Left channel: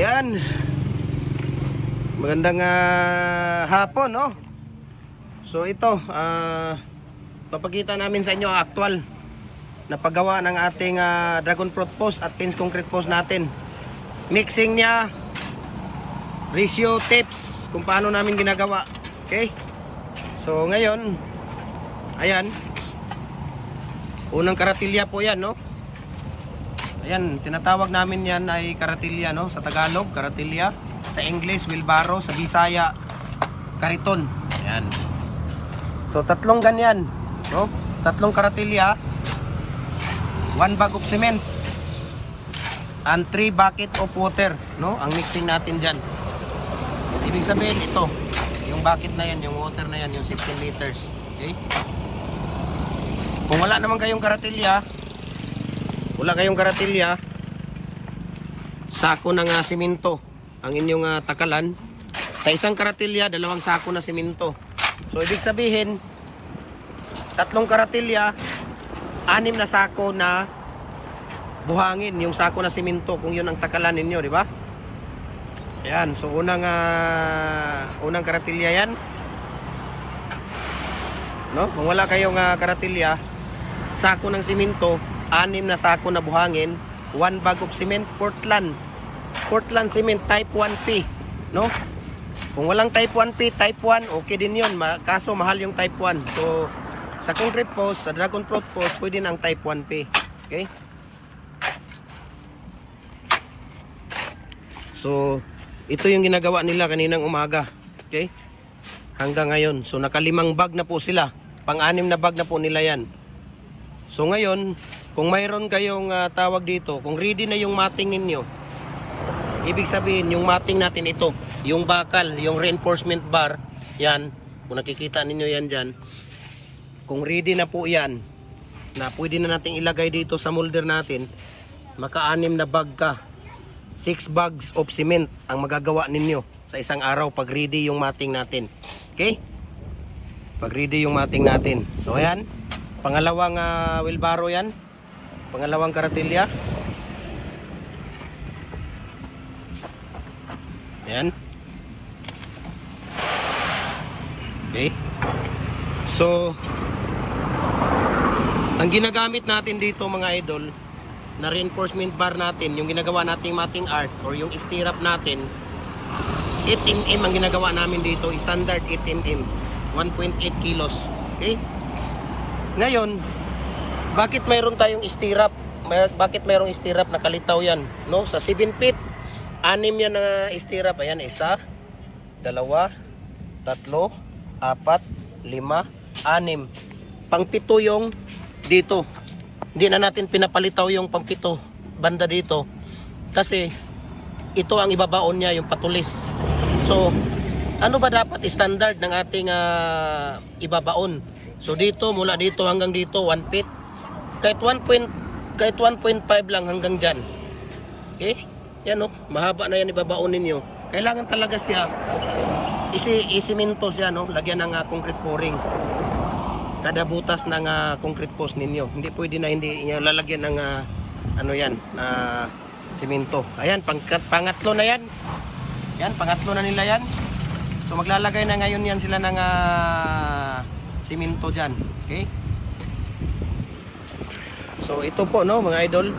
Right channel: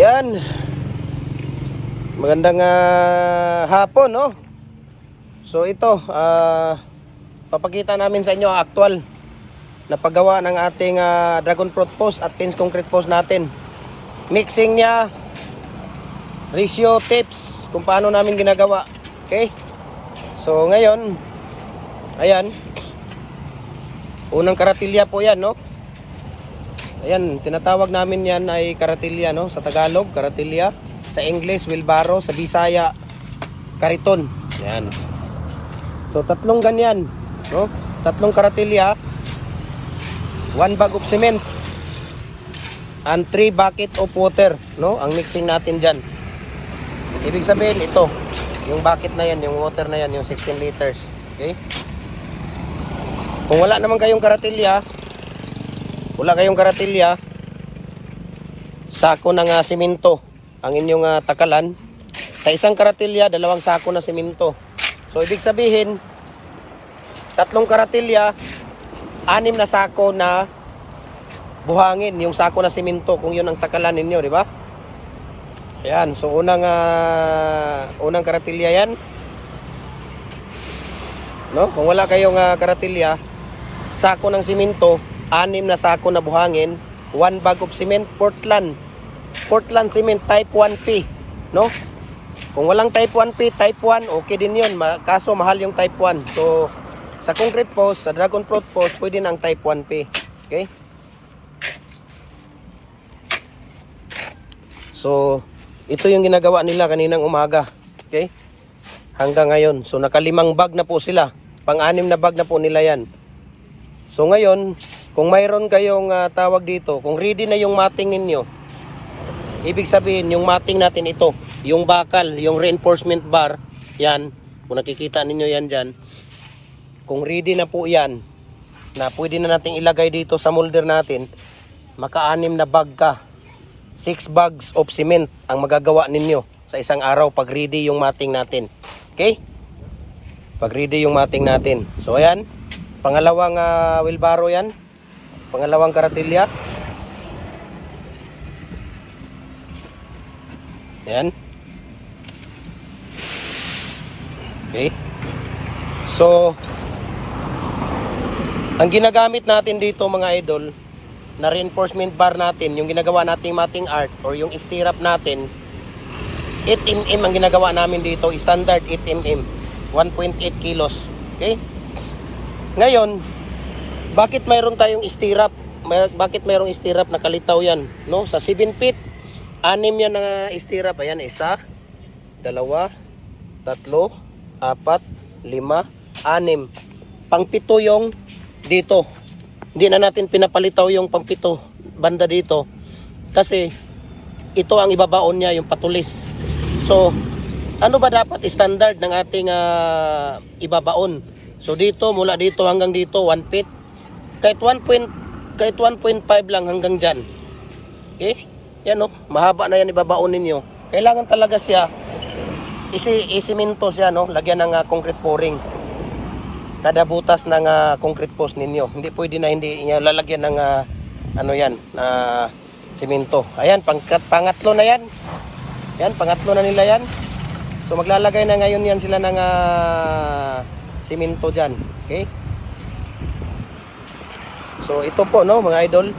Ayan. Magandang hapon, no? So ito, papakita namin sa inyo ang actual na paggawa ng ating dragon fruit post at pins concrete post natin. Mixing niya, ratio, tips, kung paano namin ginagawa. Okay? So ngayon, ayan. Unang karatilya po yan, no? Ayan, tinatawag namin yan ay karatilya, no? Sa Tagalog, karatilya. Sa English, wheelbarrow. Sa Bisaya, kariton. Ayan. So, tatlong ganyan, no? Tatlong karatilya, 1 bag of cement, and 3 bucket of water, no? Ang mixing natin dyan. Ibig sabihin, ito. Yung bucket na yan, yung water na yan, yung 16 liters. Okay? Kung wala naman kayong karatilya, sako ng simento ang inyong takalan. Sa isang karatilya, 2 sako na simento. So ibig sabihin, 3 karatilya, 6 na sako na buhangin, yung sako na simento, kung yun ang takalan ninyo, di ba? Ayan, so unang karatilya yan, no? Kung wala kayong karatilya, sako ng simento, 6 na sako na buhangin, 1 bag of cement, Portland cement type 1P, no? Kung walang type 1P, type 1, okay din yun, kaso mahal yung type 1. So sa concrete post, sa dragon fruit post, pwede ng type 1P. Okay? So ito yung ginagawa nila kaninang umaga. Okay? Hanggang ngayon. So naka5 bag na po sila. Pang-6 na bag na po nila yan. So ngayon, kung mayroon kayong tawag dito, kung ready na yung matting ninyo, ibig sabihin yung matting natin ito, yung bakal, yung reinforcement bar, yan, kung nakikita ninyo yan dyan, kung ready na po yan, na pwede na natin ilagay dito sa molder natin, maka-6 na bag ka, 6 bags of cement ang magagawa ninyo sa isang araw pag ready yung matting natin. Okay? Pag ready yung matting natin. So ayan, pangalawang wheelbarrow yan. Pangalawang karatilya. Ayan. Okay. So, ang ginagamit natin dito mga idol, na reinforcement bar natin, yung ginagawa nating matting art or yung stirrup natin, 8mm ang ginagawa namin dito, standard 8mm, 1.8 kilos. Okay? Ngayon, bakit mayroon tayong stirrup? Bakit mayroong stirrup na kalitaw yan? No? Sa 7 feet, 6 yan na stirrup. Ayan, 1, 2, 3, 4, 5, 6. Pang-7 yung dito. Hindi na natin pinapalitaw yung pang-7 banda dito. Kasi ito ang ibabaon niya, yung patulis. So, ano ba dapat standard ng ating ibabaon? So dito, mula dito hanggang dito, 1 feet. Kahit 1.5 lang hanggang dyan. Okay? Yan o, mahaba na yan ibabaon ninyo. Kailangan talaga siya, isiminto siya, no? Lagyan ng concrete pouring. Kada butas ng concrete post ninyo. Hindi pwede na hindi niya lalagyan ng ano yan, simento. Ayan, pangatlo na yan. Yan, pangatlo na nila yan. So maglalagay na ngayon yan sila ng simento dyan. Okay? So ito po, no, mga idol.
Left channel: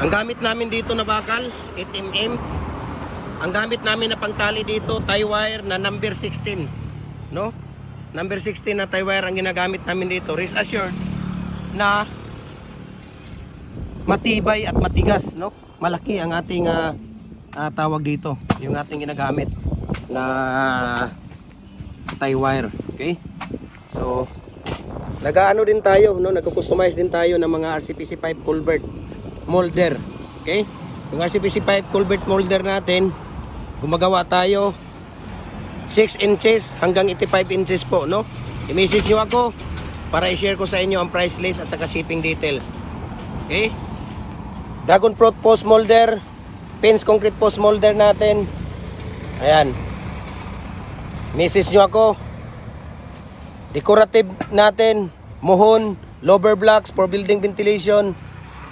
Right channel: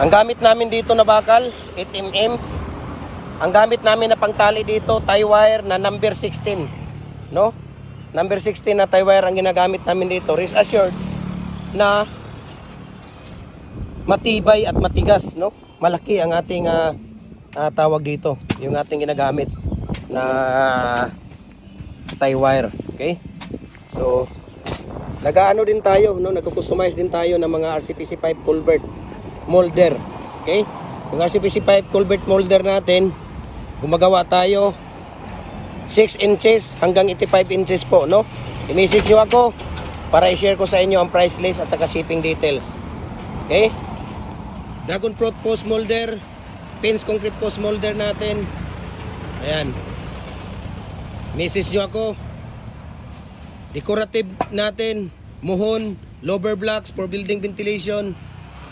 Ang gamit namin dito na bakal, 8mm. Ang gamit namin na pangtali dito, tie wire na number 16. No? Number 16 na tie wire ang ginagamit namin dito. Rest assured na matibay at matigas, no? Malaki ang ating tawag dito, yung ating ginagamit na tie wire. Okay? So nag-aano din tayo, no? Nagko-customize din tayo ng mga RCPC pipe culvert molder. Okay? Yung RCPC pipe culvert molder natin, gumagawa tayo 6 inches hanggang 85 inches po, no? I-message nyo ako para i-share ko sa inyo ang price list at saka shipping details. Okay? Dragon fruit post molder, pins concrete post molder natin. Ayan. Message nyo ako. Decorative natin, muhon, lower blocks for building ventilation,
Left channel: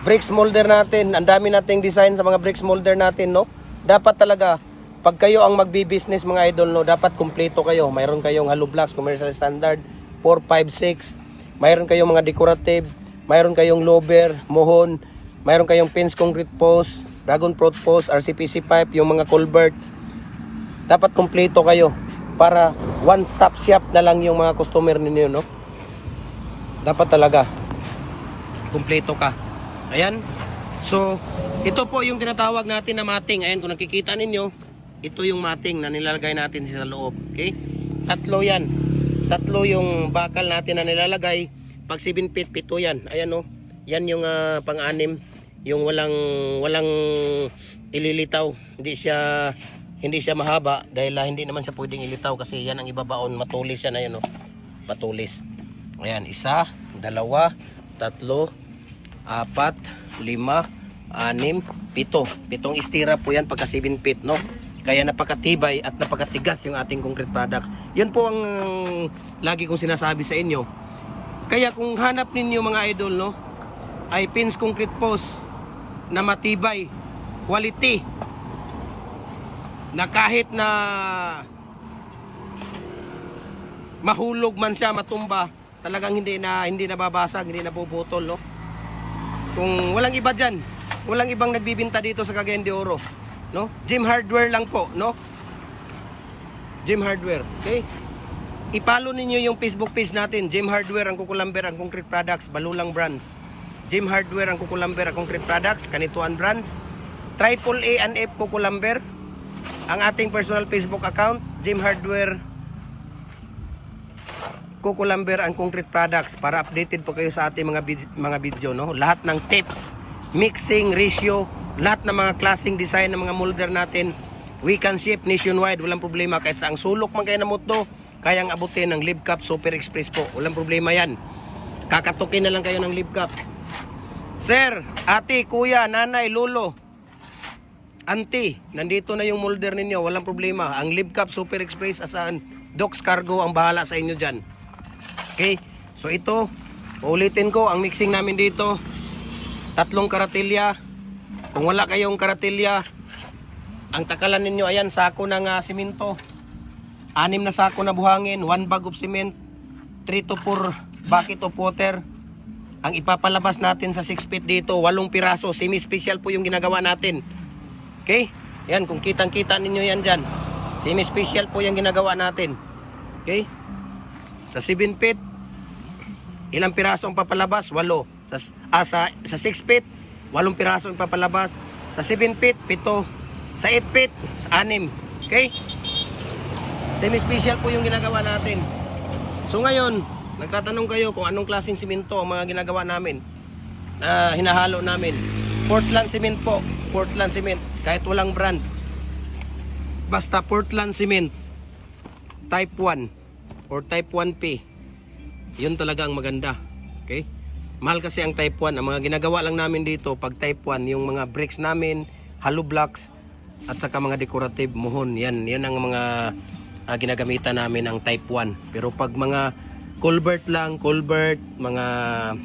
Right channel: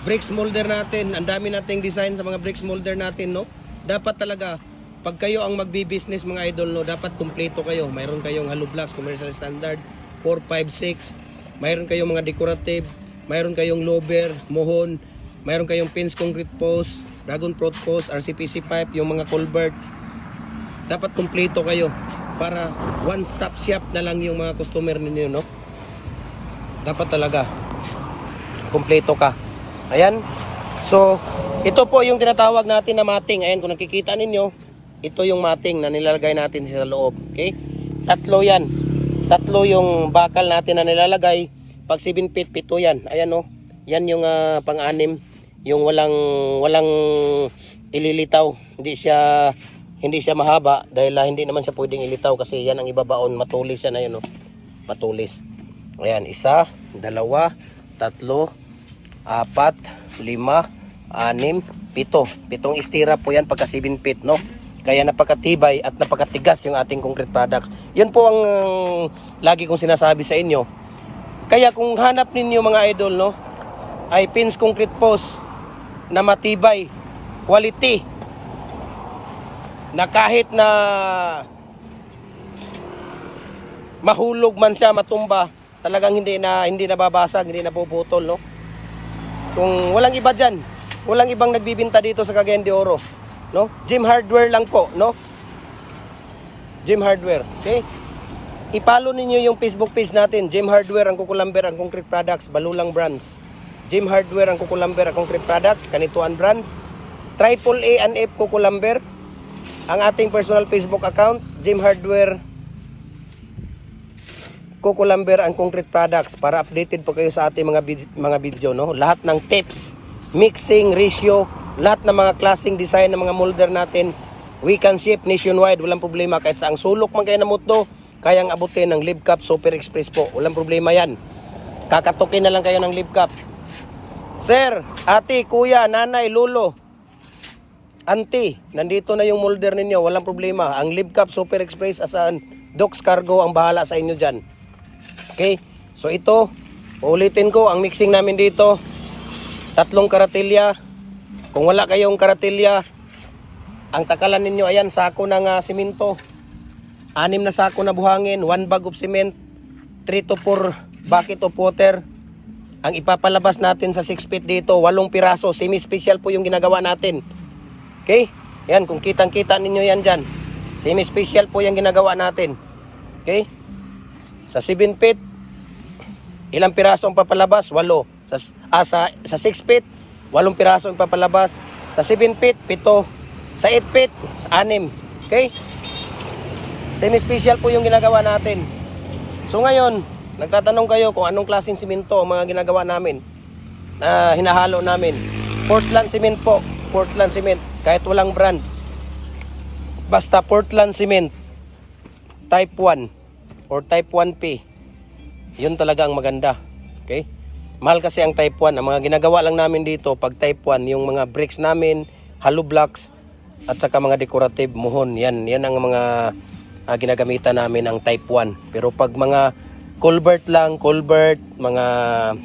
bricks molder natin. Ang dami nating design sa mga bricks molder natin, no? dapat talaga pag kayo ang magbi-business mga idol, no, dapat kumpleto kayo. Mayroon kayong hollow blocks, commercial standard, 4, 5, 6. Mayroon kayong mga decorative, mayroon kayong lober, mohon, mayroon kayong pins concrete post, dragon fruit post, RCPC pipe, yung mga culvert. Dapat kumpleto kayo para one stop shop na lang yung mga customer ninyo, no? Dapat talaga kumpleto ka. Ayan. So, ito po yung tinatawag natin na mating. Ayan, kung nakikita ninyo, ito yung mating na nilalagay natin sa loob. Okay? Tatlo yan. Tatlo yung bakal natin na nilalagay. Pag 7 feet, 7 yan. Ayan o. Yan yung pang-anim. Yung walang ililitaw. Hindi siya mahaba dahil hindi naman siya pwedeng ilitaw kasi yan ang ibabaon. Matulis yan. Ayan o. Matulis. Ayan. 1, 2, 3, 4, 5, 6, 7. 7 istira po yan pagka 7 feet, no? Kaya napakatibay at napakatigas yung ating concrete products. Yun po ang lagi kong sinasabi sa inyo. Kaya kung hanap ninyo mga idol, no, ay pins concrete post na matibay, quality, na kahit na mahulog man siya, matumba, talagang hindi nababasag, hindi napuputol, no? Kung walang iba dyan, walang ibang nagbibinta dito sa Cagayan de Oro, no? Gym Hardware lang po, no? Gym Hardware, okay? I-follow ninyo yung Facebook page natin, Gym Hardware ang Kukulamber ang Concrete Products, Balulang Brands. Gym Hardware ang Kukulamber ang Concrete Products, Kanituan Brands. AAA and F Kukulamber ang ating personal Facebook account, Gym Hardware Kukulamber ang Concrete Products, para updated po kayo sa ating mga video, no? Lahat ng tips, mixing, ratio, lahat ng mga klaseng design ng mga molder natin, we can ship nationwide, walang problema. Kahit sa ang sulok man kayo na muto, kayang abutin ng Live Cup Super Express po, walang problema yan. Kakatukin na lang kayo ng Live Cup. Sir, ate, kuya, nanay, lolo, auntie, nandito na yung molder ninyo, walang problema. Ang Live Cup Super Express as an Docs Cargo ang bahala sa inyo dyan. Okay, so ito, ulitin ko, ang mixing namin dito, 3 karatilya. Kung wala kayong karatilya, ang takalan ninyo, ayan, sako ng simento, 6 na sako na buhangin, 1 bag of cement, 3 to 4 bucket of water. Ang ipapalabas natin sa 6 feet dito, 8 piraso, semi-special po yung ginagawa natin. Okay, yan, kung kitang-kita ninyo yan dyan, semi-special po yung ginagawa natin. Okay, sa 7 feet, ilang piraso ang papalabas? 8. Sa 6 feet, 8 piraso ang papalabas. Sa 7 feet, 7. Sa 8 feet, 6. Okay? Semi-special po yung ginagawa natin. So ngayon, nagtatanong kayo kung anong klaseng simento ang mga ginagawa namin na hinahalo namin. Portland cement po. Portland cement. Kahit walang brand. Basta Portland cement. Type 1 or type 1P. Yun talaga ang maganda. Okay? Mahal kasi ang type 1. Ang mga ginagawa lang namin dito, pag type 1, yung mga bricks namin, hollow blocks, at saka mga decorative mohon. Yan ang mga ginagamitan namin ang type 1. Pero pag mga culvert lang, mga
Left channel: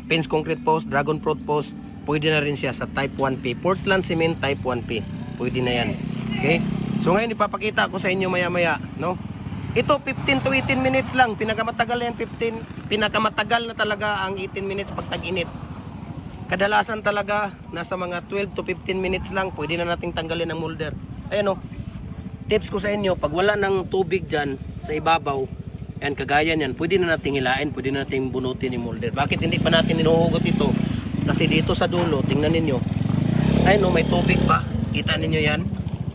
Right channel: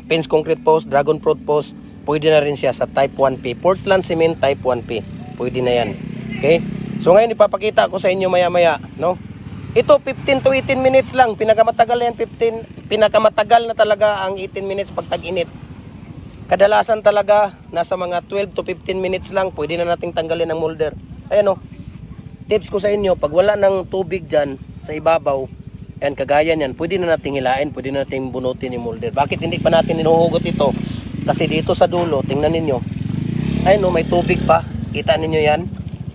pins concrete post, dragon fruit post, pwede na rin siya sa type 1P. Portland cement type 1P. Pwede na yan. Okay? So ngayon ipapakita ko sa inyo maya-maya, no? Ito 15 to 18 minutes lang, pinakamatagal na yan, pinakamatagal na talaga ang 18 minutes pag tag-init. Kadalasan talaga nasa mga 12 to 15 minutes lang, pwede na nating tanggalin ang molder. Ayan o, tips ko sa inyo, pag wala ng tubig dyan sa ibabaw, ayan, kagaya niyan, pwede na nating hilain, pwede na nating bunutin yung molder. Bakit hindi pa natin hinuhugot ito? Kasi dito sa dulo, tingnan ninyo, ayun o, may tubig pa, kita ninyo yan,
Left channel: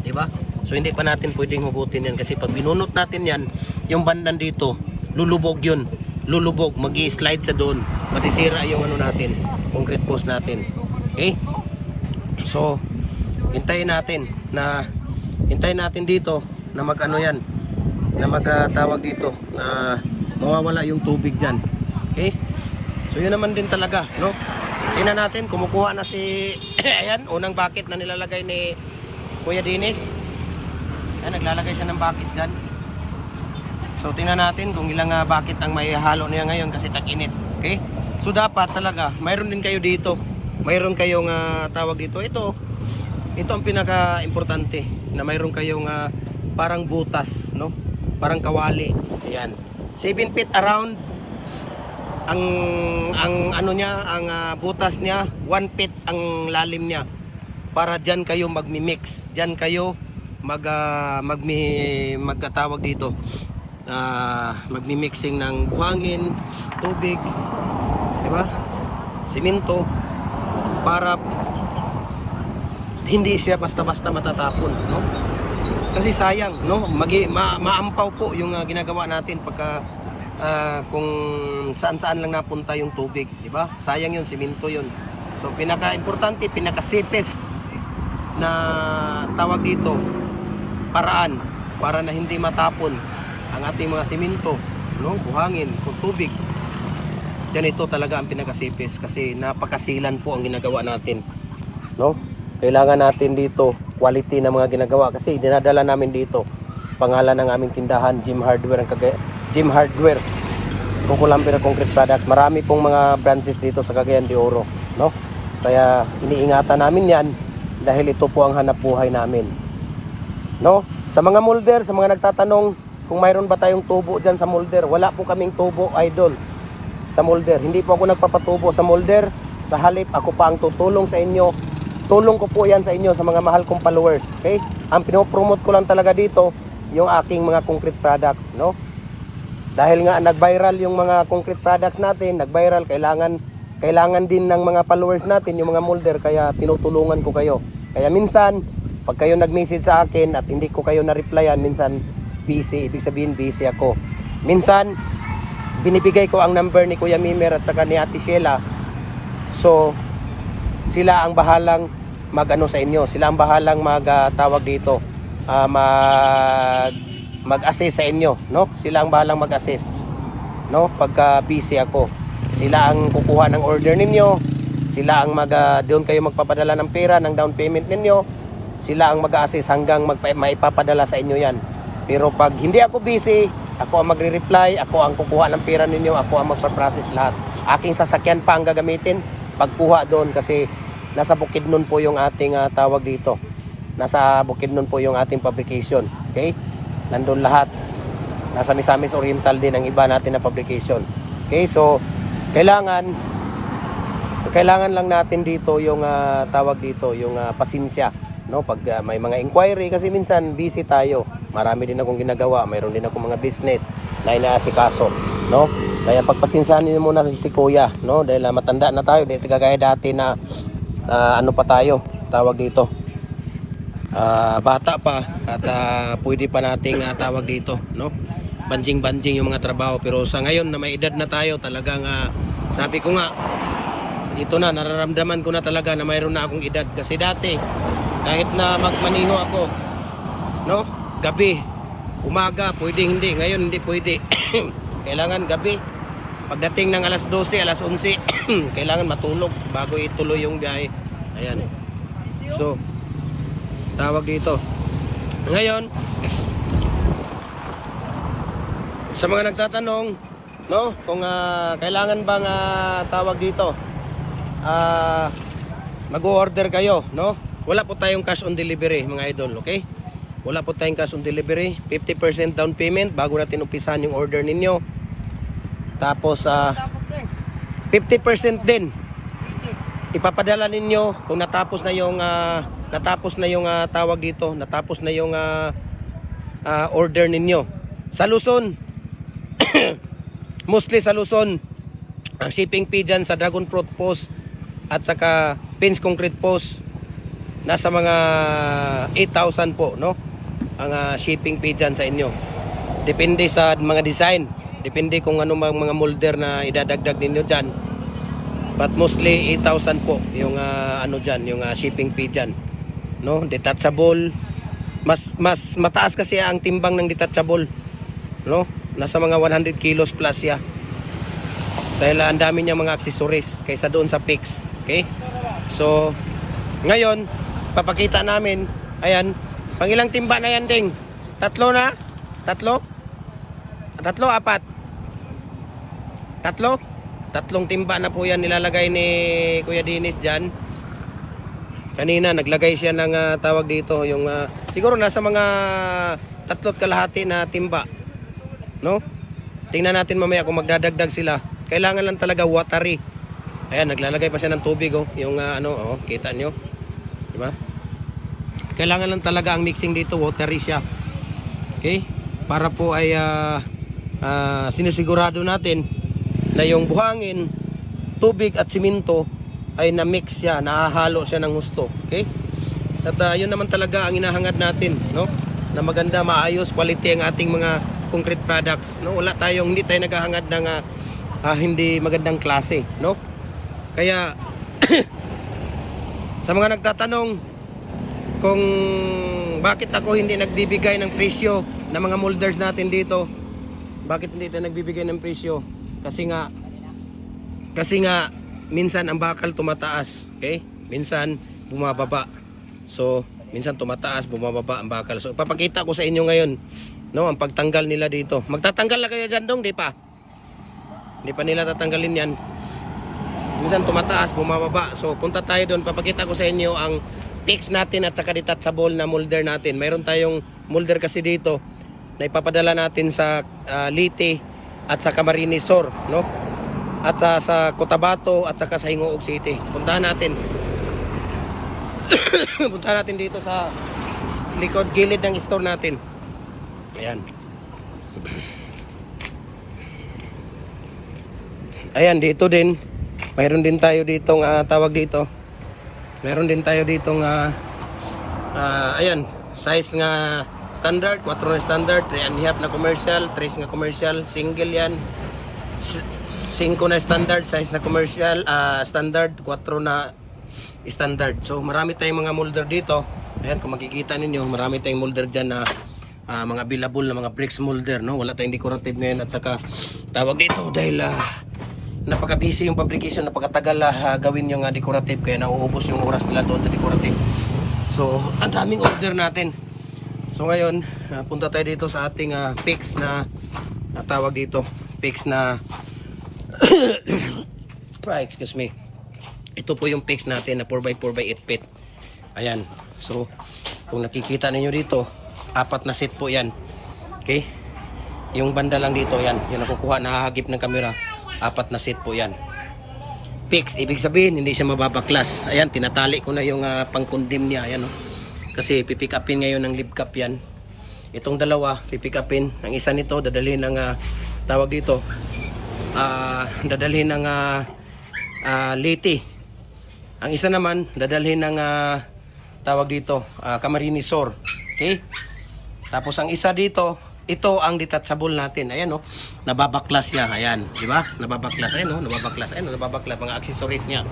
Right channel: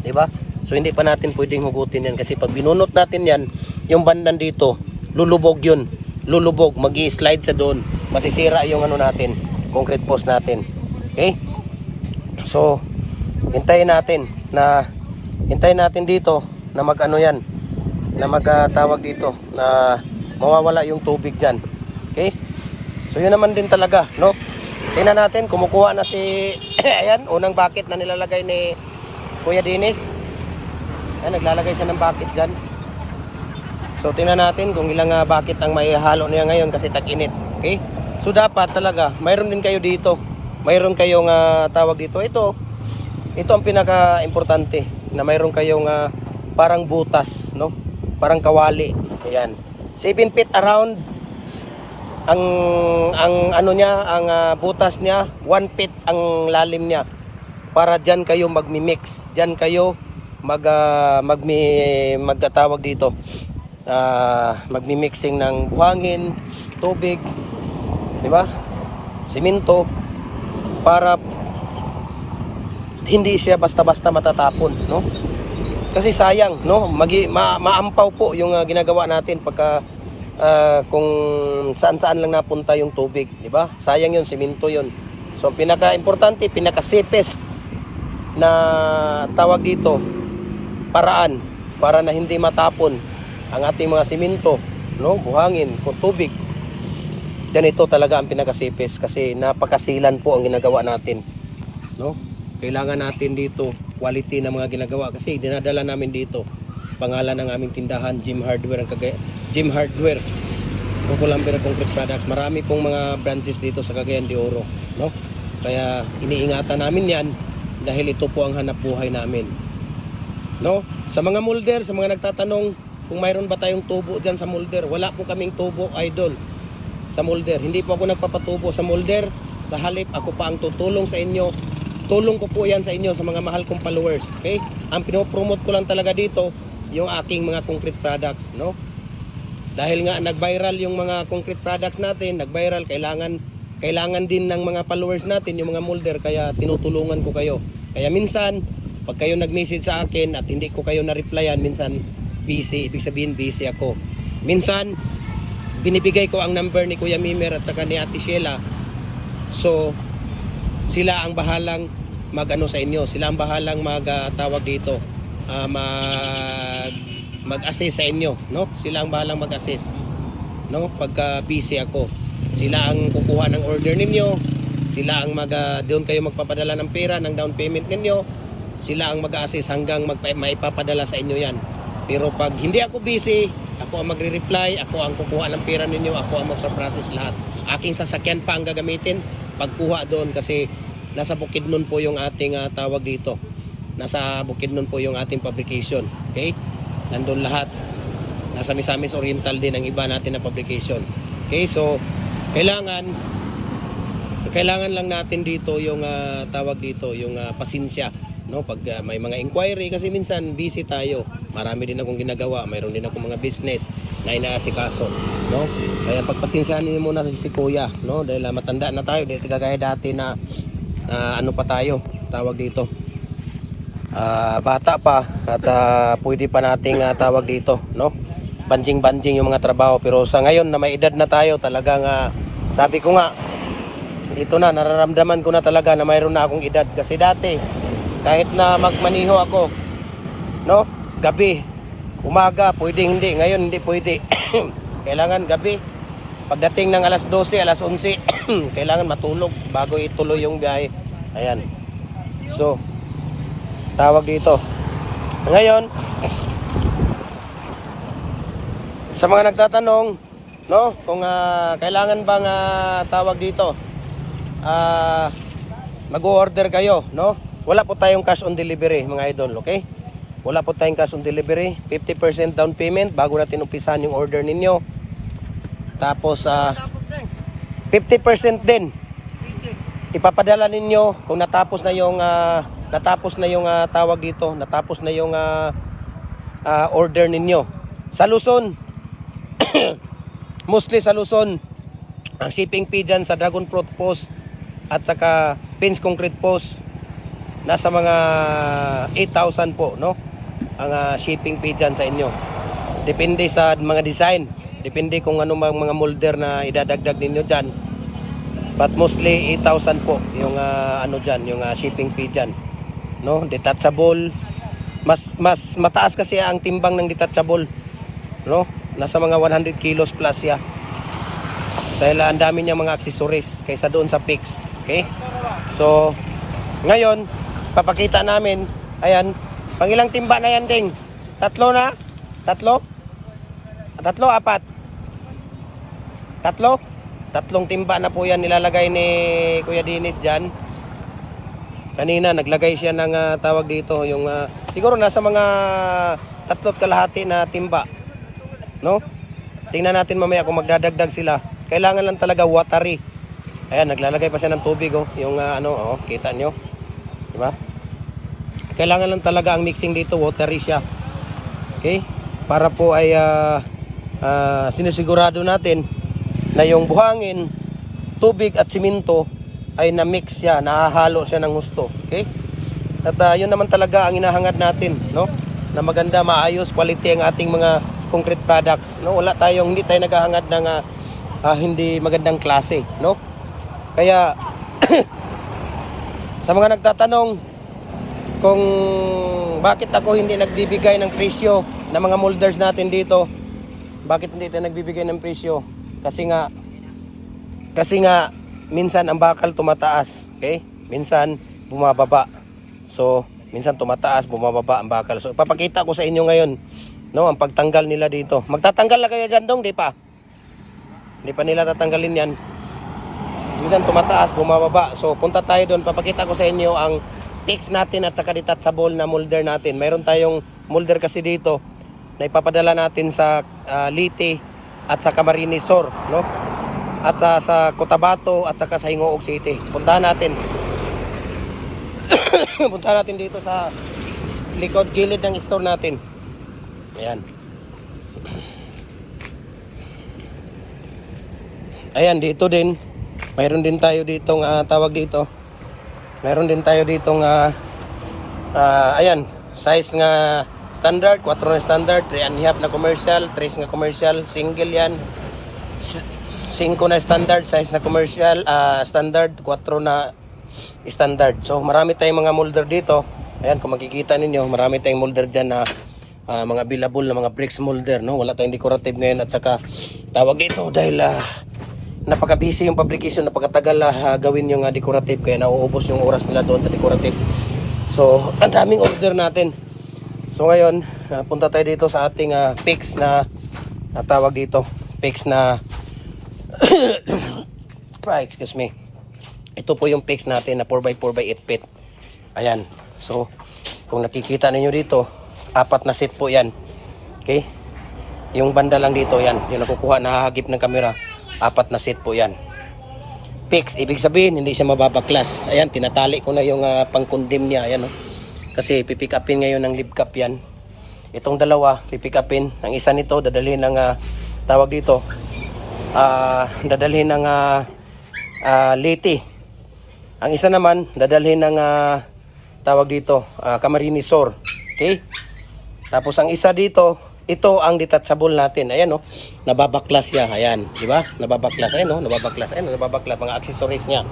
diba? So hindi pa natin pwedeng hugutin yan kasi pag binunot natin yan, yung bandan dito, lulubog yun. Lulubog, magi-slide sa doon. Masisira yung ano natin, concrete post natin. Okay? So, hintayin natin dito na mag-ano yan, na magtawag dito, na mawawala yung tubig dyan. Okay? So yun naman din talaga, no? Tingnan natin, kumukuha na si, ayan, unang bucket na nilalagay ni Kuya Dennis. Ayan, naglalagay siya ng bucket dyan. So tingnan natin kung ilang bucket ang may halo niya ngayon kasi tag-init. Okay? So dapat talaga, mayroon din kayo dito. Mayroon kayong tawag dito. Ito ang pinaka-importante. na mayroon kayong parang butas, no? Parang kawali. Ayan. 7 feet around ang ano niya, ang butas niya, 1 feet ang lalim niya. Para diyan kayo magmi-mix. Diyan kayo magtatawag dito. Magmi-mixing ng buhangin, tubig, di ba? Simento para hindi siya basta-basta matatapon, no? Kasi sayang, no? Maampaw po yung ginagawa natin pagka kung saan-saan lang napunta yung tubig, di ba? Sayang yun, simento yun. So pinaka-importante, pinaka-safest na tawag dito, paraan para na hindi matapon ang ating mga simento, no? Buhangin, o tubig. Ganito talaga ang pinaka-safest kasi napakasilan po ang ginagawa natin, no? Kailangan natin dito quality na mga ginagawa kasi dinadala namin dito pangalan ng aming tindahan, Gym Hardware, Gym Hardware, Kukulamber Concrete Products. Marami pong mga branches dito sa Cagayan de Oro, no? Kaya iniingatan namin yan dahil ito po ang hanapbuhay namin, no? Sa mga molder, sa mga nagtatanong kung mayroon ba tayong tubo dyan sa molder, wala po kaming tubo, idol, sa molder. Hindi po ako nagpapatubo sa molder. Sa halip, ako pa ang tutulong sa inyo. Tulong ko po yan sa inyo, sa mga mahal kong followers. Okay? Ang pinopromote ko lang talaga dito, yung aking mga concrete products, no? Dahil nga nag-viral yung mga concrete products natin, nag-viral, kailangan din ng mga followers natin, yung mga molder, kaya tinutulungan ko kayo. Kaya minsan, pag kayo nag-message sa akin at hindi ko kayo na-replyan, minsan busy, ibig sabihin busy ako. Minsan, binibigay ko ang number ni Kuya Mimer at saka ni Ate Sheila. So, sila ang bahalang mag-ano sa inyo. Sila ang bahalang mag-tawag dito. Mag-assist sa inyo, no? Sila ang bahalang mag-assist, no? Pagka busy ako. Sila ang kukuha ng order ninyo. Sila ang doon kayo magpapadala ng pera, ng down payment ninyo. Sila ang mag-assist hanggang maipapadala sa inyo yan. Pero pag hindi ako busy, ako ang magre-reply, ako ang kukuha ng pera ninyo, ako ang magpa-process lahat. Aking sasakyan pa ang gagamitin pagkuha doon kasi nasa Bukidnon po yung ating tawag dito. Nasa Bukidnon po yung ating fabrication. Okay? Nandun lahat. Nasa Misamis Oriental din ang iba natin na fabrication. Okay? So, kailangan lang natin dito yung tawag dito, yung pasensya, no? Pag may mga inquiry kasi minsan busy tayo. Marami din akong ginagawa, mayroon din akong mga business na inaasikaso, no? Kaya pagpasensyahan niyo muna si Kuya, no? Dahil matanda na tayo, dahil kagaya dati na ano pa tayo, tawag dito. Bata pa at pwede pa nating tawag dito, no? Banjing-banjing yung mga trabaho, pero sa ngayon na may edad na tayo, talagang sabi ko nga, dito na nararamdaman ko na talaga na mayroon na akong edad kasi dati kahit na magmaniho ako, no? Gabi, umaga, pwede hindi. Ngayon hindi pwede. Kailangan gabi. Pagdating ng alas 12, alas 11, kailangan matulog bago ituloy yung biyahe. Ayan. So, tawag dito. Ngayon, sa mga nagtatanong, no, kung kailangan bang tawag dito, mag-order kayo, no? Wala po tayong cash on delivery, mga idol, okay? Wala po tayong cash on delivery. 50% down payment bago natin umpisahan yung order ninyo. Tapos 50% din ipapadala ninyo kung natapos na yung tawag dito, natapos na yung order ninyo. Sa Luzon, mostly sa Luzon, ang shipping fee dyan sa Dragon Fruit Post at saka Pins Concrete Post nasa mga 8,000 po, no? Ang shipping fee dyan sa inyo. Depende sa mga design, depende kung ano mga molder na idadagdag ninyo dyan. But mostly 8,000 po yung ano dyan, yung shipping fee dyan, no? Detachable, mas mataas kasi ang timbang ng detachable, no? Nasa mga 100 kilos plus ya. Dahil ang dami niya mga accessories kaysa doon sa fix. Okay? So, ngayon, papakita namin, ayan, pang ilang timba na yan, ding? Tatlo na? Tatlo? Tatlo, apat? Tatlo? Tatlong timba na po yan nilalagay ni Kuya Dennis dyan. Kanina, naglagay siya ng tawag dito, yung siguro nasa mga 3.5 na timba. No? Tingnan natin mamaya kung magdadagdag sila. Kailangan lang talaga watery. Ayan, naglalagay pa siya ng tubig oh. Yung kita nyo. Diba? Kailangan lang talaga ang mixing dito, watery siya. Okay? Para po ay sinusigurado natin na yung buhangin, tubig at simento ay na-mix siya, nahahalo siya ng husto. Okay? At yun naman talaga ang hinahangad natin, no? Na maganda, maayos, quality ang ating mga concrete products, no? Hindi tayo naghahangad ng hindi magandang klase, no? Kaya sa mga nagtatanong kung bakit ako hindi nagbibigay ng presyo ng mga molders natin dito, bakit hindi tayo nagbibigay ng presyo? Kasi nga minsan ang bakal tumataas, okay? Minsan bumababa. So, minsan tumataas, bumababa ang bakal. So, ipapakita ko sa inyo ngayon, no, ang pagtanggal nila dito. Magtatanggal na kaya dyan dong, di pa? Hindi pa nila tatanggalin yan. Minsan tumataas, bumababa. So, punta tayo doon. Papakita ko sa inyo ang fix natin at saka detachable na molder natin. Mayroon tayong molder kasi dito na ipapadala natin sa Leyte at sa Camarines Sur, no? At sa Cotabato at saka sa Hingoog City. Puntahan natin. Puntahan natin dito sa likod gilid ng store natin. Ayan. Ayan, dito din. Mayroon din tayo ditong tawag dito. Mayroon din tayo ditong ayan, size nga standard, 4 na standard, 3.5 na commercial, 3 nga commercial, single yan. 5 na standard, size na commercial, standard, 4 na standard. So marami tayong mga molder dito. Ayan, kung makikita ninyo, marami tayong molder dyan na mga available na mga bricks molder, no? Wala tayong decorative ngayon at saka tawag dito dahil napaka-busy yung fabrication, napakatagal gawin yung decorative kaya nauubos yung oras nila doon sa decorative. So ang daming order natin. So ngayon, punta tayo dito sa ating fix na tawag dito, fix na excuse me. Ito po yung fix natin na 4x4x8 feet. Ayan. So, kung nakikita ninyo dito, 4 na set po yan. Okay? Yung banda lang dito, yan. Yung nakukuha, nahahagip ng camera. 4 na set po yan. Fix, ibig sabihin, hindi siya mababaklas. Ayan, tinatali ko na yung pang-condemn niya. Ayan, oh. Kasi pipick upin ngayon ng lip cap yan. Itong dalawa, pipick upin. Ang isa nito, dadalhin ng tawag dito, dadalhin ng Leyte. Ang isa naman, dadalhin ng tawag dito, Camarines Sur. Okay? Tapos ang isa dito, ito ang detachable natin. Ayan, oh, nababaklas siya. Ayan, di ba? Nababaklas. Ayan, oh, nababaklas. Ayan, nababaklas. Mga accessories niya.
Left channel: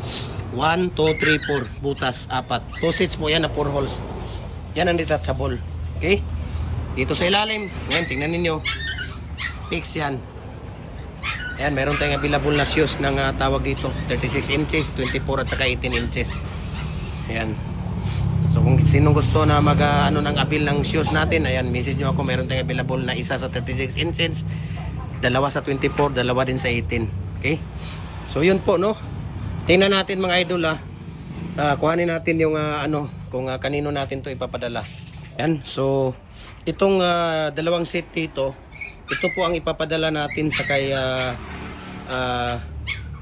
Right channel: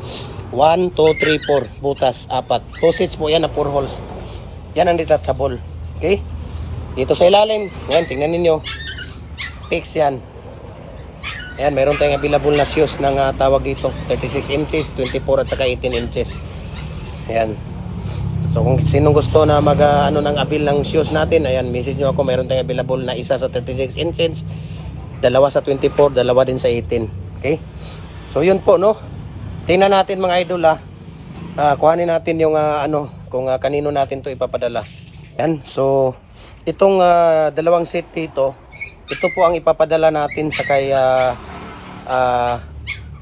1, 2, 3, 4. Butas, 4. 2 sets po yan na 4 holes. Yan ang detachable. Okay? Dito sa ilalim. Ayan, tingnan ninyo. Fix yan. Ayan, mayroon tayong available na shoes ng tawag dito. 36 inches, 24 at saka 18 inches. Ayan. So kung sinong gusto na ng abil ng shoes natin, ayan, message nyo ako. Mayroon tayong available na isa sa 36 inches, dalawa sa 24, dalawa din sa 18. Okay? So yun po, no? Tingnan natin mga idol kuhanin natin yung kung kanino natin to ipapadala. Ayan. So itong dalawang set dito, ito po ang ipapadala natin sa kay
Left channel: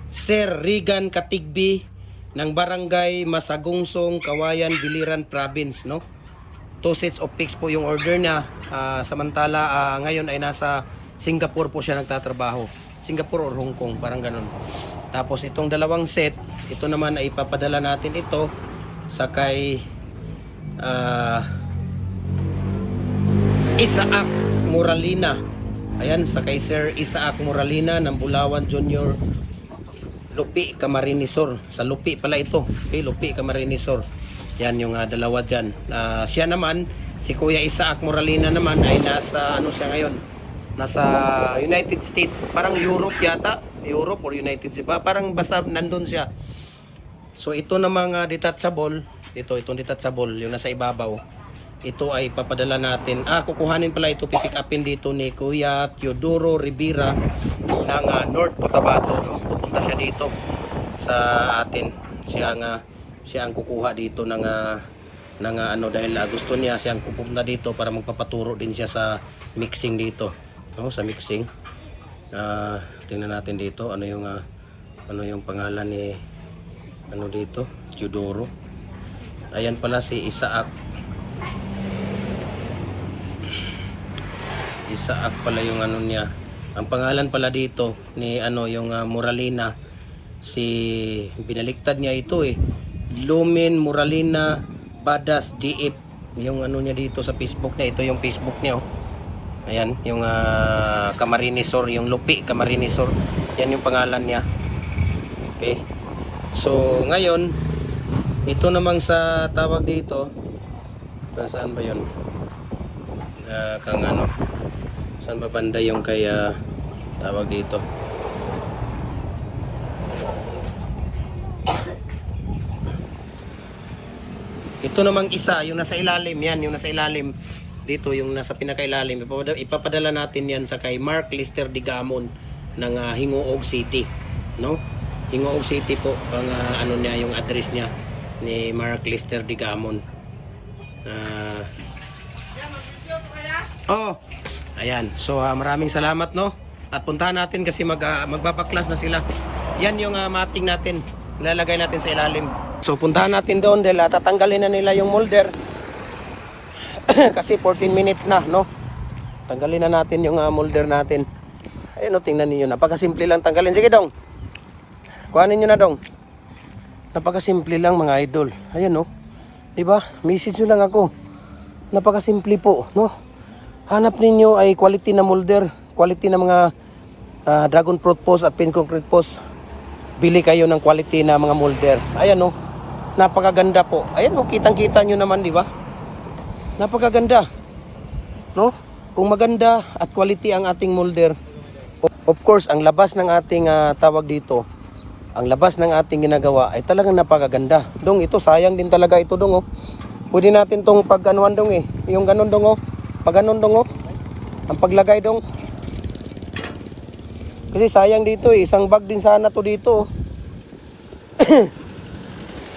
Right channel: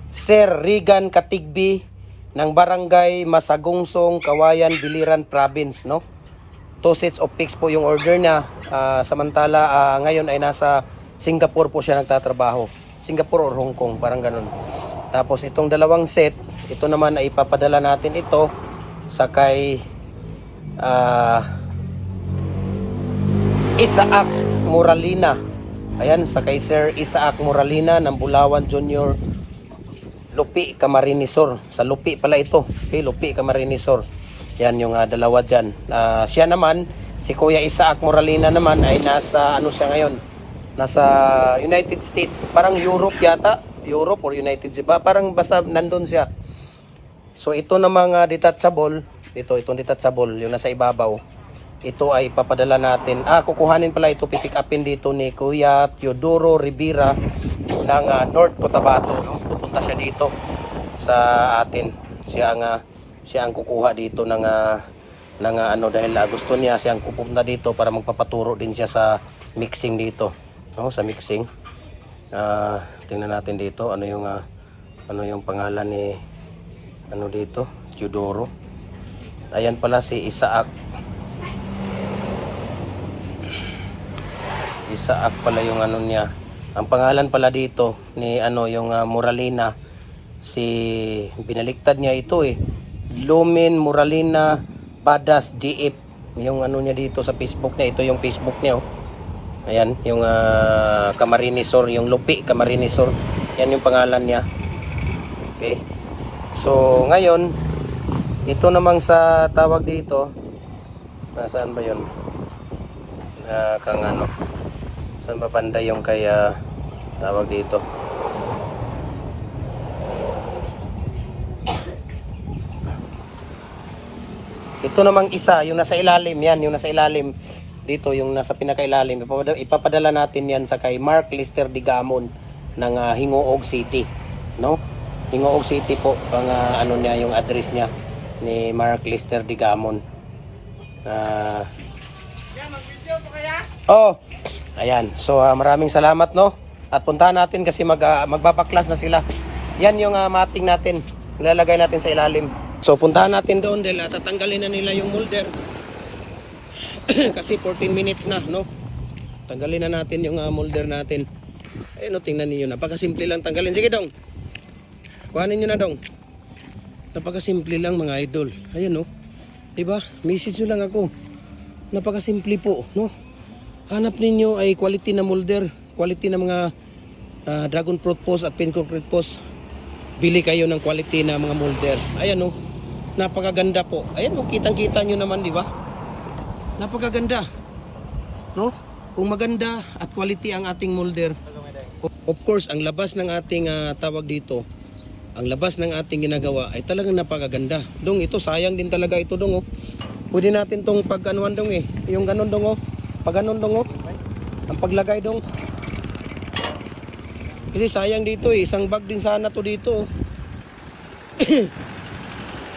Sir Regan Katigbi ng Barangay Masagungsong, Kawayan, Biliran Province, no? 2 sets of fix po yung order niya. Samantala ngayon ay nasa Singapore po siya nagtatrabaho. Singapore or Hong Kong, parang ganun. Tapos itong dalawang set, ito naman ay ipapadala natin ito sa kay Isaac Moralina. Ayan, sa kay Sir Isaac Moralina ng Bulawan Junior, Lupi, Camarines Sur. Sa Lupi pala ito. Okay, Lupi, Camarines Sur. Yan yung dalawa dyan. Siya naman, si Kuya Isaac Moralina naman ay nasa, siya ngayon? Nasa United States. Parang Europe yata. Europe or United States. Parang basta nandun siya. So ito namang detachable. Itong detachable, yung nasa ibabaw. Ito ay papadala natin. Kukuhanin pala ito, pipick upin dito ni Kuya Teodoro Rivera ng North Cotabato, no? Pupunta siya dito sa atin. Siya ang kukuha dito ng ng ano, dahil gusto niya siyang pupunta dito para magpapaturo din siya sa mixing dito, no, sa mixing. Tingnan natin dito ano yung pangalan ni ano dito, Teodoro. Ayan pala si Isaac pala yung ano niya. Ang pangalan pala dito ni ano yung Moralina, si binaliktad niya ito Lumen Moralina Badas GF yung ano niya dito sa Facebook niya. Ito yung Facebook niya, oh. Ayan yung Camarinesor, yung Lupi Camarinesor, yan yung pangalan niya. Okay, so ngayon ito namang sa tawag dito, nasaan ba yun, kang ano, saan ba banda yung kay tawag dito, ito namang isa yung nasa ilalim, yan yung nasa ilalim dito, yung nasa pinakailalim, ipapadala natin yan sa kay Mark Lister Digamon ng Hingoog City, no? Hingoog City po ang ano niya, yung address niya ni Mark Lister Digamon. Ayan. So maraming salamat, no? At puntahan natin kasi magbabaklas na sila. Yan yung mating natin. Ilalagay natin sa ilalim. So puntahan natin doon dahil tatanggalin na nila yung molder. Kasi 14 minutes na, no? Tanggalin na natin yung molder natin. Ayun, no, tingnan niyo, napakasimple lang tanggalin. Sige, dong. Kuhanin niyo na, dong. Napakasimple lang, mga idol. Ayan, no? Diba? Message nyo lang ako. Napakasimple po, no? Hanap ninyo ay quality na molder, quality na mga dragon fruit post at pin concrete post. Bili kayo ng quality na mga molder. Ayan, no? Napakaganda po. Ayan, no? Kitang-kita nyo naman, di ba? Napakaganda, no? Kung maganda at quality ang ating molder, of course, ang labas ng ating tawag dito, ang labas ng ating ginagawa ay talagang napakaganda. Dong, ito sayang din talaga ito, dong, oh. Pwede natin tong pag-anuhan, dong, yung ganun, dong, oh. Pag ganun, dong, oh. Ang paglagay, dong. Kasi sayang dito, isang bag din sana to dito, oh.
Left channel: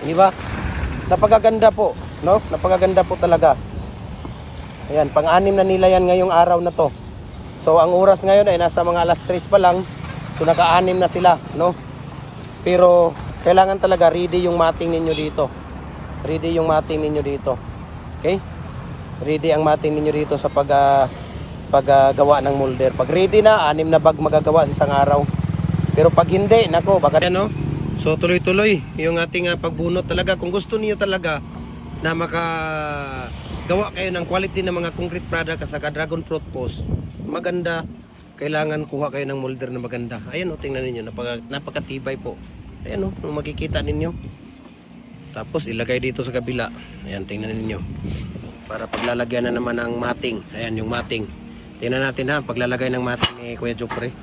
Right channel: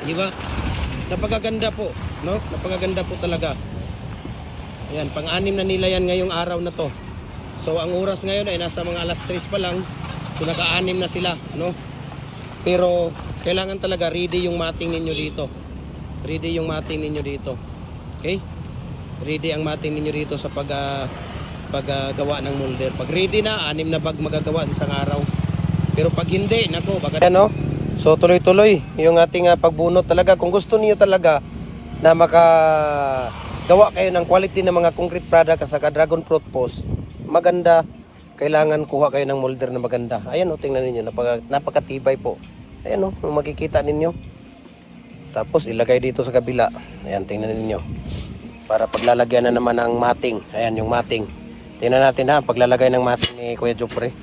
Di ba? Napakaganda po, no? Napakaganda po talaga. Ayan, pang-anim na nila yan ngayong araw na to. So ang oras ngayon ay nasa mga alas 3 pa lang. So naka-anim na sila, no? Pero kailangan talaga ready yung mating ninyo dito. Ready yung mating ninyo dito. Okay? Ready ang mating ninyo dito sa paggawa ng molder. Pag ready na, 6 na bag magagawa sa isang araw. Pero pag hindi, nako, baka no? So tuloy-tuloy yung ating pagbunot talaga. Kung gusto niyo talaga na makagawa kayo ng quality ng mga concrete product sa dragon fruit post, maganda, kailangan kuha kayo ng molder na maganda. Ayan, o, tingnan ninyo, napakatibay po. Ayan, o, makikita ninyo. Tapos ilagay dito sa kabila. Ayan, tingnan ninyo. Para paglalagyan na naman ng mating. Ayan, yung mating. Tingnan natin ha, paglalagay ng mating ni Kuya Jopre.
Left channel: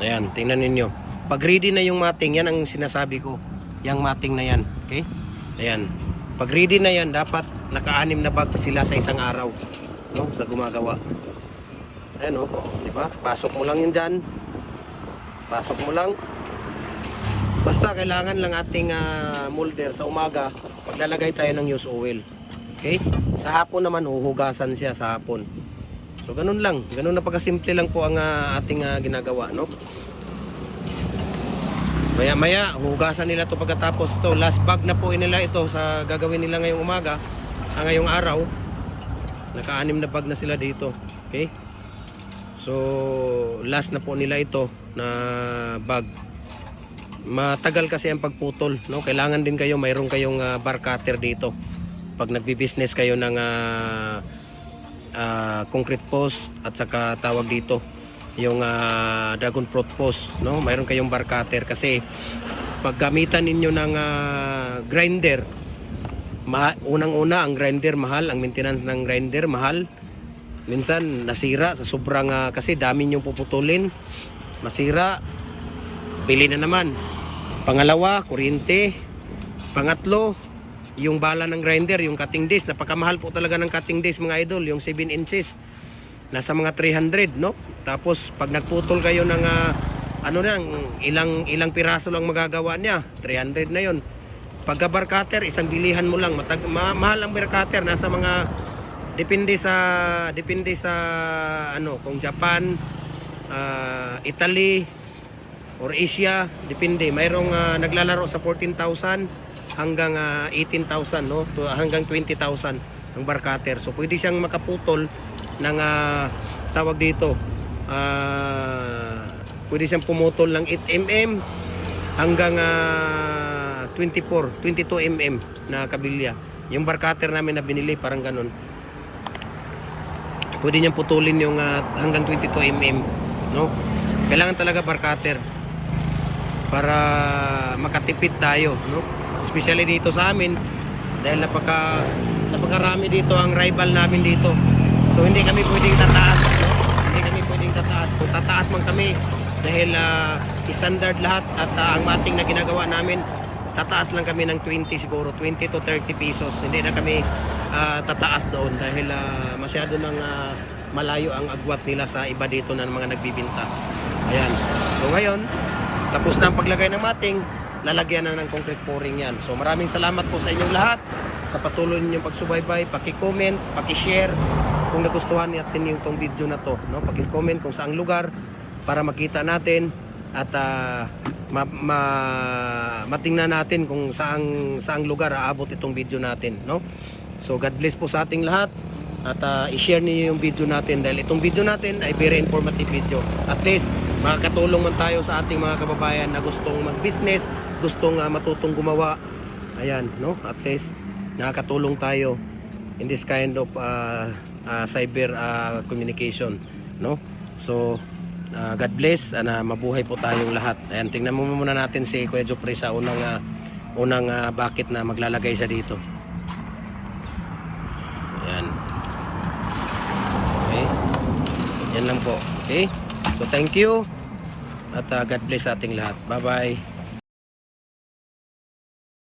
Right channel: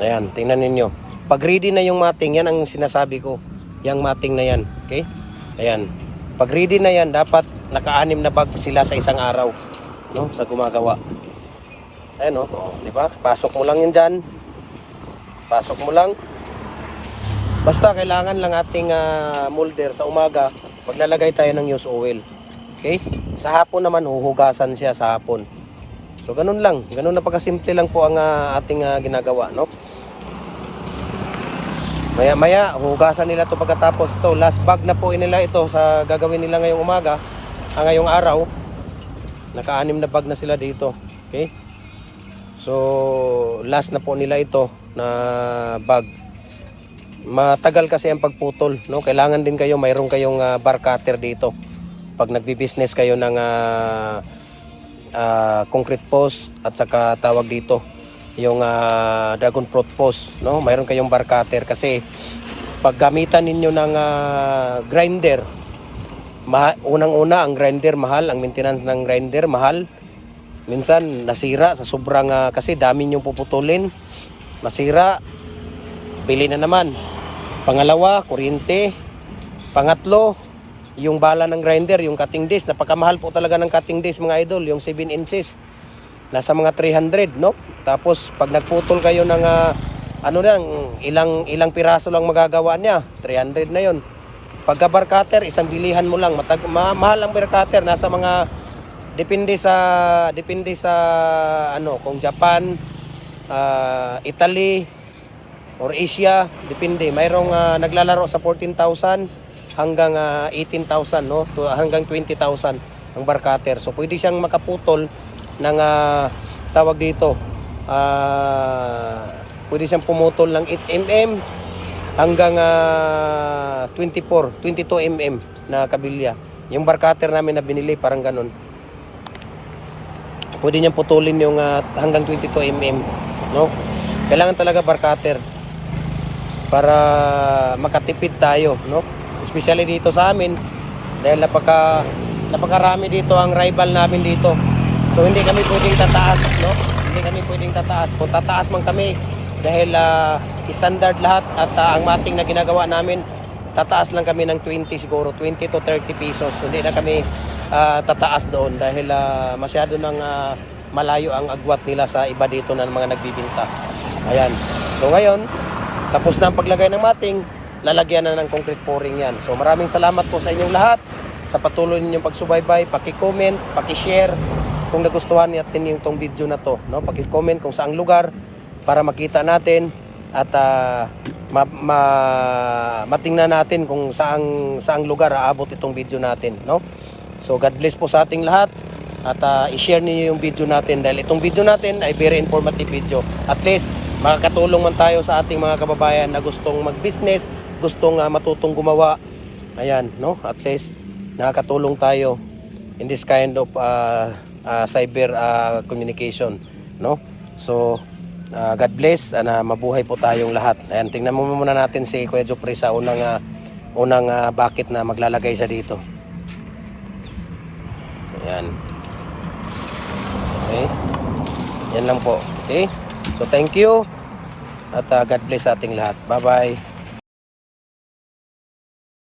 Ayan, tingnan ninyo. Pag ready na yung mating, yan ang sinasabi ko. Yung mating na yan, okay? Ayan. Pag ready na yan, dapat naka-6 na bag sila sa isang araw, no? Sa gumagawa. Ayan, o, diba? Pasok mo lang yun dyan. Pasok mo lang. Basta kailangan lang ating molder sa umaga, paglalagay tayo ng used oil. Okay? Sa hapon naman, huhugasan siya sa hapon. So, ganun lang. Ganun na pagkasimple lang po ang ating ginagawa, no? Maya-maya, hugasan nila ito pagkatapos. Ito, last bag na po nila ito sa gagawin nila ngayong umaga, ngayong araw. Naka-6 na bag na sila dito. Okay? So, last na po nila ito na bag. Matagal kasi ang pagputol, no? Kailangan din kayo, mayroon kayong bar cutter dito. Pag nagbi-business kayo ng concrete post at saka tawag dito yung dragon fruit post, no? Mayroon kayong bar cutter kasi pag gamitan ninyo ng grinder, unang-una ang grinder mahal, ang maintenance ng grinder mahal. Minsan nasira sa sobrang kasi dami nyong puputulin, masira, bili na naman. Pangalawa, kuryente. Pangatlo, yung bala ng grinder, yung cutting disc. Napakamahal po talaga ng cutting disc, mga idol, yung 7 inches. Nasa mga 300, no? Tapos pag nagputol kayo ng ilang piraso lang magagawa niya, 300 na yon. Pagka bar cutter, isang bilihan mo lang. Mahal ang bar cutter, nasa mga depende sa ano, kung Japan, Italy or Asia, depende. Mayroong naglalaro sa 14,000 hanggang 18,000, no? Hanggang 20,000 ang bar cutter. So pwede siyang makaputol ng tawag dito. Pwede siyang pumutol ng 8 mm hanggang 22 mm na kabilya. Yung bar cutter namin na binili parang ganun. Pwede niyang putulin yung hanggang 22 mm, no? Kailangan talaga bar cutter para makatipid tayo, no? Especially dito sa amin dahil napakarami dito ang rival namin dito. So hindi kami pwedeng tataas, no? Hindi kami pwedeng tataas. Kung tataas man kami dahil standard lahat at ang mating na ginagawa namin, tataas lang kami ng 20 siguro, 20 to 30 pesos. Hindi na kami tataas doon dahil masyado nang malayo ang agwat nila sa iba dito na mga nagbibinta. Ayan. So ngayon, tapos na ang paglagay ng mating, lalagyan na ng concrete pouring yan. So maraming salamat po sa inyong lahat sa patuloy ninyong pagsubaybay, paki-comment, paki-share kung nagustuhan natin yung tong video na to, no? Paki-comment kung saang lugar para makita natin at matingnan natin kung saang lugar aabot itong video natin, no? So God bless po sa ating lahat at i-share niyo yung video natin dahil itong video natin ay very informative video. At least makakatulong man tayo sa ating mga kababayan na gustong mag-business, gustong matutong gumawa. Ayan, no? At least nakakatulong tayo in this kind of cyber communication, no? So God bless, mabuhay po tayong lahat. Ayan, tingnan mo muna natin si Kuya Jopre sa unang bucket na maglalagay siya dito. Ayan. Okay. Yan lang po. Okay. So thank you at God bless sa ating lahat. Bye bye.